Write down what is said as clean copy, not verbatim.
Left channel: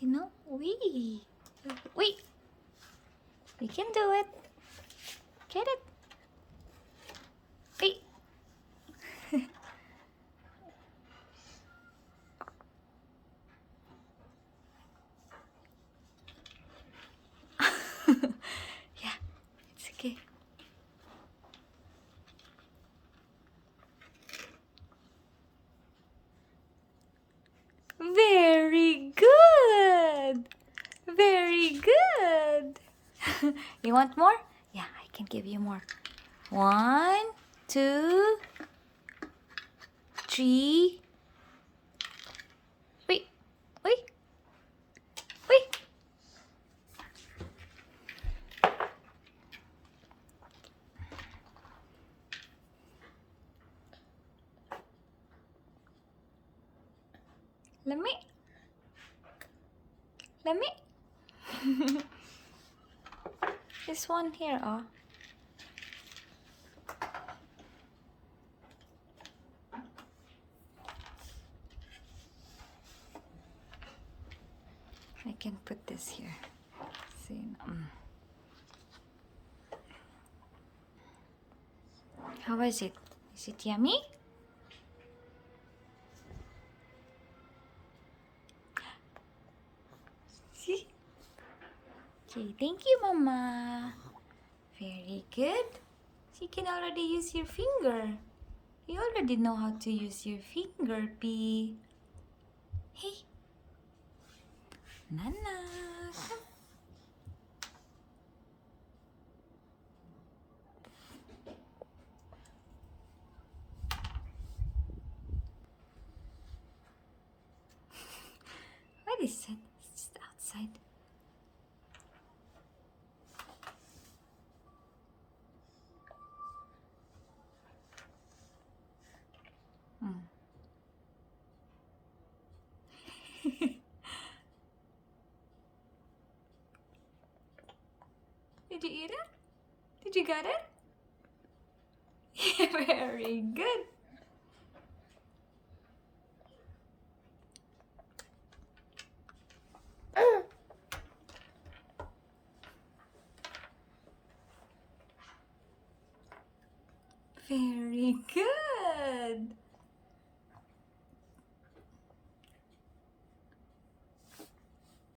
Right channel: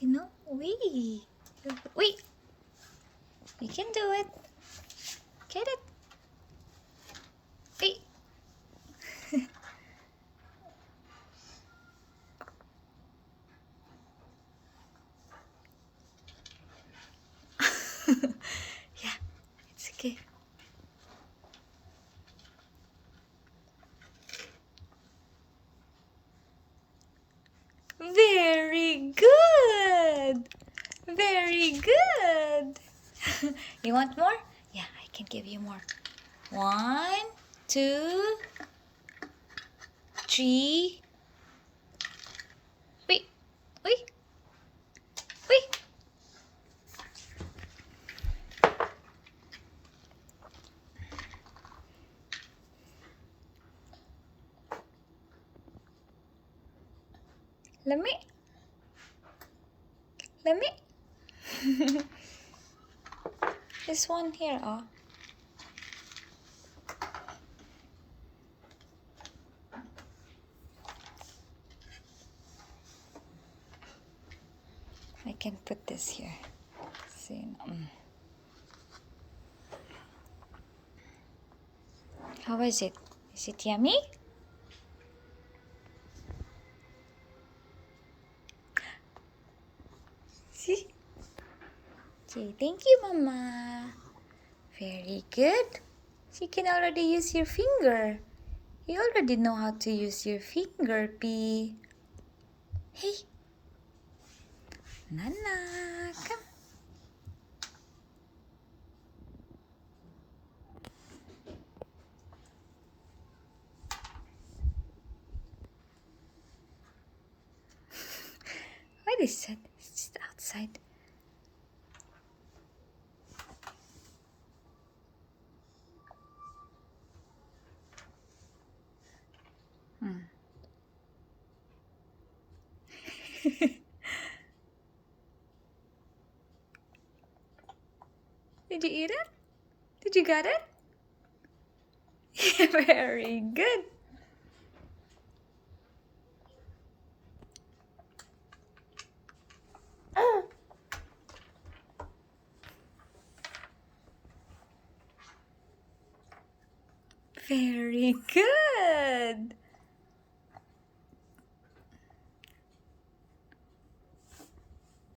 you know? Wee! Wee! You can do it. Get it. Wee! Yeah, it's okay. Very good. Very good. You want more? Yeah, I can give you more. 1, 2, 3. Wait, wait, wait. Let me. This one here, oh. I can put this here. See. How is it? Is it yummy? See? Okay, thank you, Mama. Very good. She can already use your finger. You already know how to use your finger, P. Hey. Nana, come. What is that? It's just outside. Did you eat it? Did you get it? Yeah, very good. Very good.